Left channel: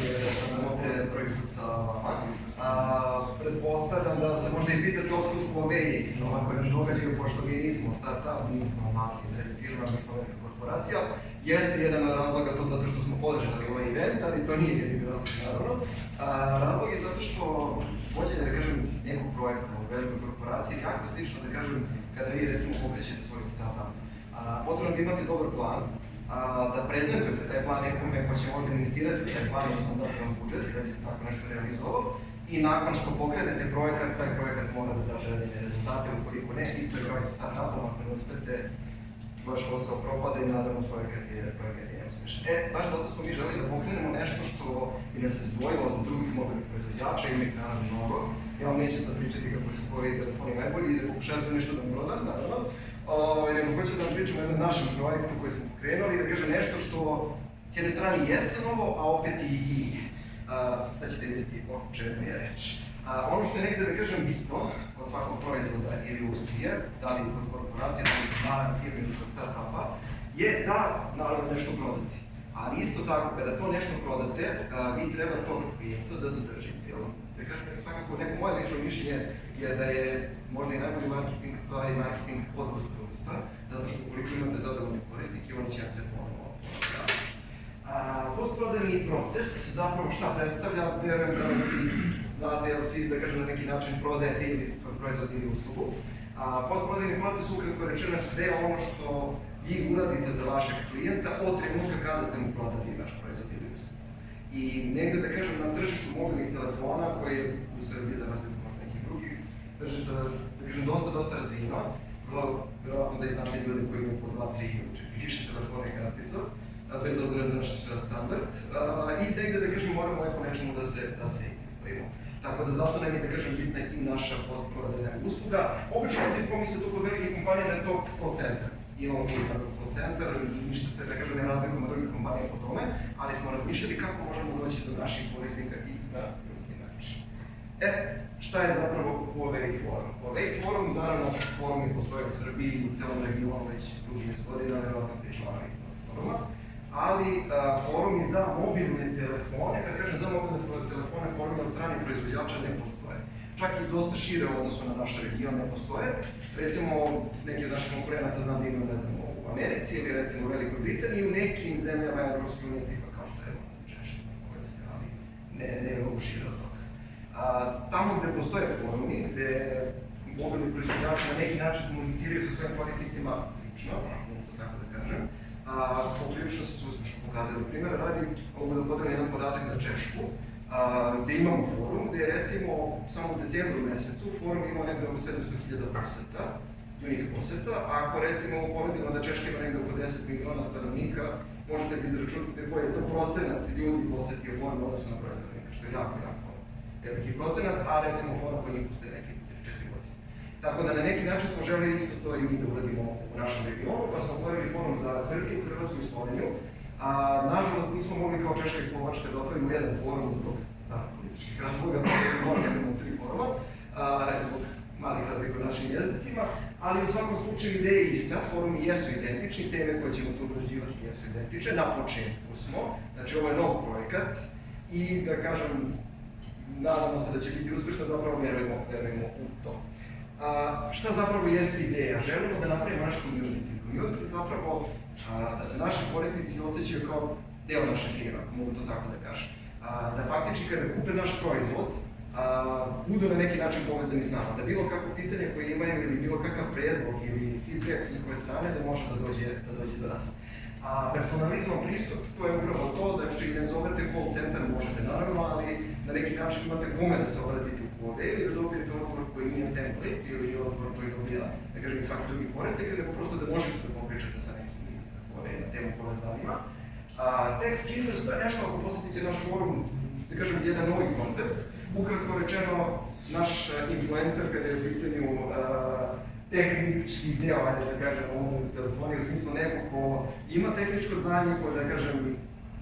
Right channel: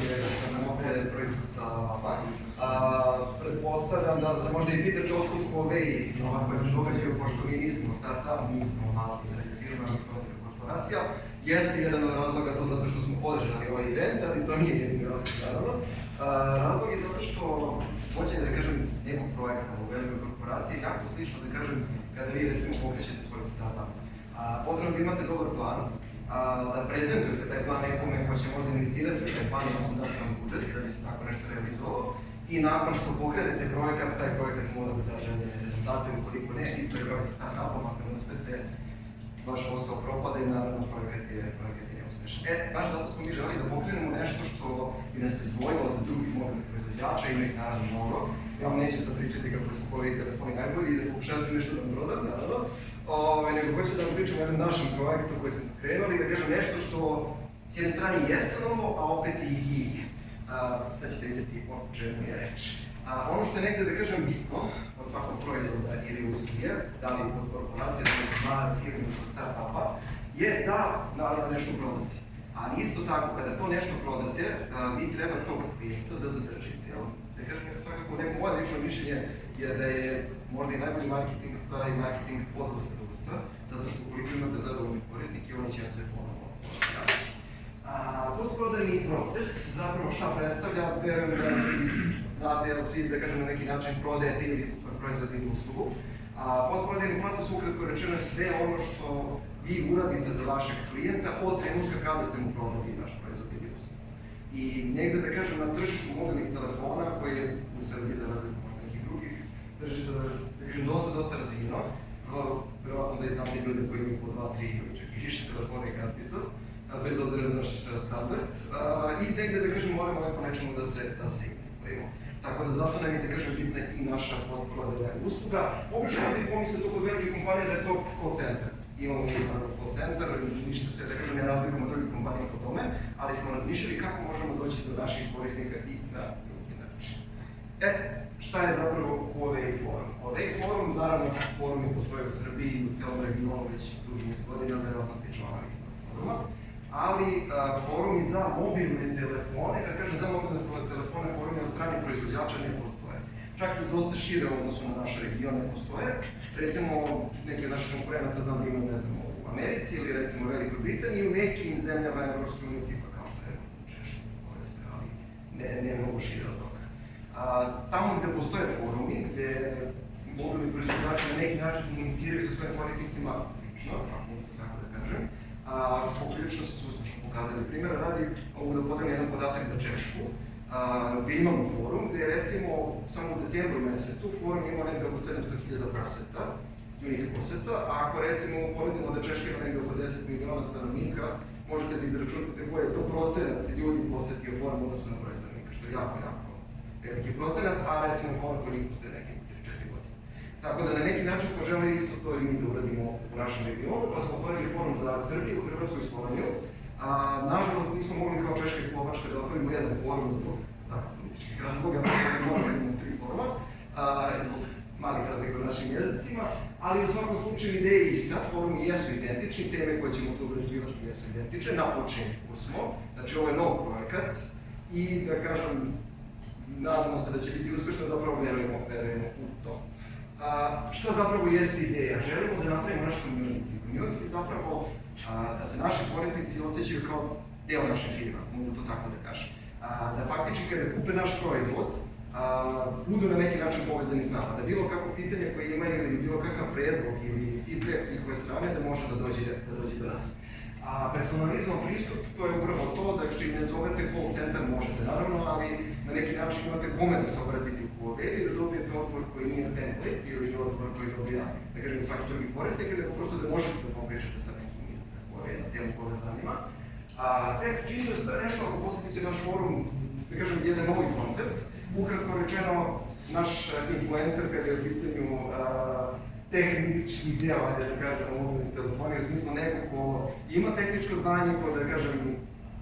mi je da sam ovde prvi put sa vama. Pretpostavljam da se možda i pitate otkud Huawei ovako jedan događaj, pošto mi nismo start-up, mi smo mali i srednji firma, mi smo neka korporacija. Jeste jedan od razloga to zato što smo podržali ovaj event, ali to nije jedini razlog, naravno. Razlog je zato što vođenje, da kažem, nekog projekta u velikoj korporaciji je jako slično, da kažem, kada vi recimo pokrećete svoj startup. Potrebno da imate dobar plan, da prezentujete taj plan nekome ko će možda investirati u taj plan, odnosno dati vam budžet da bi se tako nešto realizovalo. I nakon što pokrenete projekat, taj projekat mora da da željene rezultate, ukoliko ne, isto je kao i sa startupom, ako ne uspete, vaš posao propada i naravno projekat je neuspešan. Baš zato smo mi želeli da pokrenemo nešto što bi nas izdvojilo od drugih mobilnih proizvođača, ima ih naravno mnogo. Ja vam neću sad pričati kako su Huawei telefoni najbolji i da pokušavate nešto da vam prodam, naravno. Nego hoću da vam pričam o jednom našem projektu koji smo pokrenuli, da kažem nešto što s jedne strane jeste novo, a opet i nije. Sad ćete vidjeti o čemu je reč. Ono što je negde, da kažem, bitno od svakog proizvoda ili usluge, da li kod korporacije, da li kod male firme ili kod start-upa, je da, naravno, nešto prodate. Ali isto tako, kada to nešto prodate, vi treba tog klijenta da zadržite. Da kažem, svakako neko moje lično mišljenje je da je možda i najbolji marketing, pa i marketing podlosta vrsta, zato što ukoliko imate zadovoljni korisnike, oni će vam se ponovo prodavati. Postprodajni proces, zapravo šta predstavlja, verujem da svi znate, svi, da kažem, na neki način prodajete ili svoj proizvod ili uslugu. Postprodajni proces, ukratko rečeno, je sve ono što vi uradite za vašeg klijenta od trenutka kada ste mu prodali vaš proizvod ili uslugu. I negde, da kažem, na tržištu mobilnih telefona, koji je u Srbiji za razliku od nekih drugih tržišta, da kažem, dosta razvijeno, verovatno da i znate ljude koji imaju po 2, 3 ili čak više telefona i kartica, bez obzira na naš standard, i negde, da kažem, moramo po nečemu da se izborimo. Tako da zato nam je, da kažem, bitna i naša postprodajna usluga. Obično ljudi pomisle tu kod velike kompanije da je to call center. Imamo jedan call center, ništa se, da kažem, ne razlikujemo od drugih kompanija po tome, ali smo razmišljali kako možemo doći do naših korisnika i na drugi način. Šta je zapravo Huawei forum? Huawei forum, naravno, forumi postoje u Srbiji i u celom regionu već dugi niz godina, verovatno ste i članovi foruma. Ali forumi za mobilne telefone, kada kažem za mobilne telefone, forumi od strane proizvođača ne postoje. Čak i dosta šire u odnosu na naš region ne postoje. Recimo, neki od naših konkurenata znam da imaju, ne znam, u Americi ili recimo u Velikoj Britaniji i u nekim zemljama Evropske unije, tipa kao što je Češka, ali ne mnogo šire od toga. Tamo gde postoje forumi, gde mobilni proizvođači na neki način komuniciraju sa svojim korisnicima lično, tako da kažem, poprilično su uspešno pokazali. Primjer, radi, mogu da podelim jedan podatak za Češku, gde imamo forum, gde je recimo samo u decembru mesecu forum imao negde oko 700.000 poseta, unika poseta, a ako recimo uporedimo da Češka ima negde oko 10 miliona stanovnika, možete da izračunate koji je to procenat ljudi posetio forum odnosno na broj stanovnika, što je jako veliki procenat, a recimo forum koji njih postoje neki 3-4 godine. Tako da na neki način smo želeli isto to i mi da uradimo u našem regionu, pa smo otvorili forum za Srbiju, Hrvatsku i Sloveniju. Nažalost, nismo mogli kao Češka i Slovačka da otvorimo jedan forum zbog političkih razloga, da smo morali imamo 3 foruma, zbog malih razlika u našim jezicima, ali u svakom slučaju ideja je ista, forumi jesu identični, teme koje ćemo tu obrađivati jesu identične, na početku smo, znači ovo je nov projekat i da kažem, nadamo se da će biti uspešno, zapravo verujemo u to. Šta zapravo jeste ideja? Želimo da napravimo naš community. Community zapravo da se naši korisnici osjećaju kao deo naše firme, mogu to tako da kažem. Da faktički kada kupe naš proizvod, budu na neki način povezani s nama, da bilo kako pitanje koje imaju ili bilo kakav predlog ili feedback s njihove strane da može da dođe do nas. Personalizovan pristup, to je upravo to, znači ne zovete call center, možete naravno, ali na neki način imate kome da se obratite u Huawei i da dobijete odgovor koji nije template ili odgovor koji dobija, da kažem, svaki drugi korisnik, nego prosto da možete da popričate sa nekim iz Huawei na temu koja vas zanima. Tek Genius, nešto ako posetite naš forum, da kažem, jedan novi koncept, ukratko rečeno, naš influencer kada je u pitanju tehnički deo, ajde da kažem, mobilnih telefonija, u smislu neko ko ima tehničko znanje, ko da kažem,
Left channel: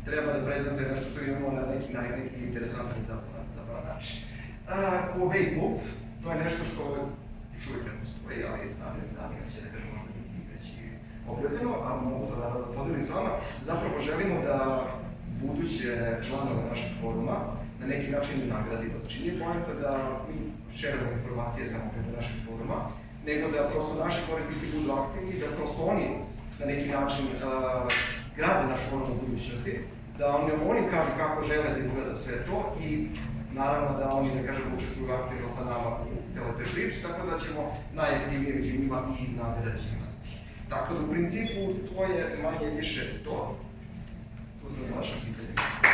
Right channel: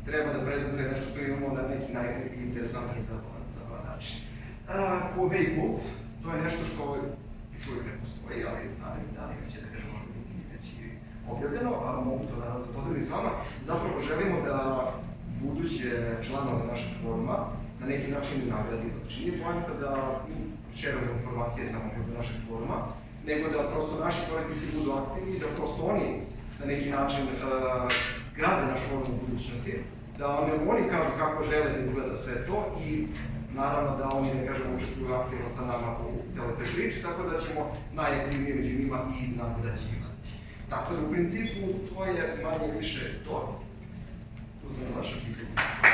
treba da prezentuje nešto što imamo na neki interesantan i zabavan način. Huawei Club, to je nešto što još uvijek ne postoji, ali narednih dana će da kažem možda biti već i objavljeno, ali mogu to da podelim s vama. Zapravo želimo da buduće članove našeg foruma na neki način nagradimo. Znači nije poanta da mi šerujemo informacije samo preko našeg foruma, nego da prosto naši korisnici budu aktivni, da prosto oni na neki način grade naš forum u budućnosti, da oni kažu kako žele da izgleda sve to i naravno da oni, ne kažem, učestvuju aktivno sa nama u cijeloj toj priči, tako da ćemo najaktivnije među njima i nagrađivati. Tako da u principu to je manje više to. Tu sam za vaše pitanje.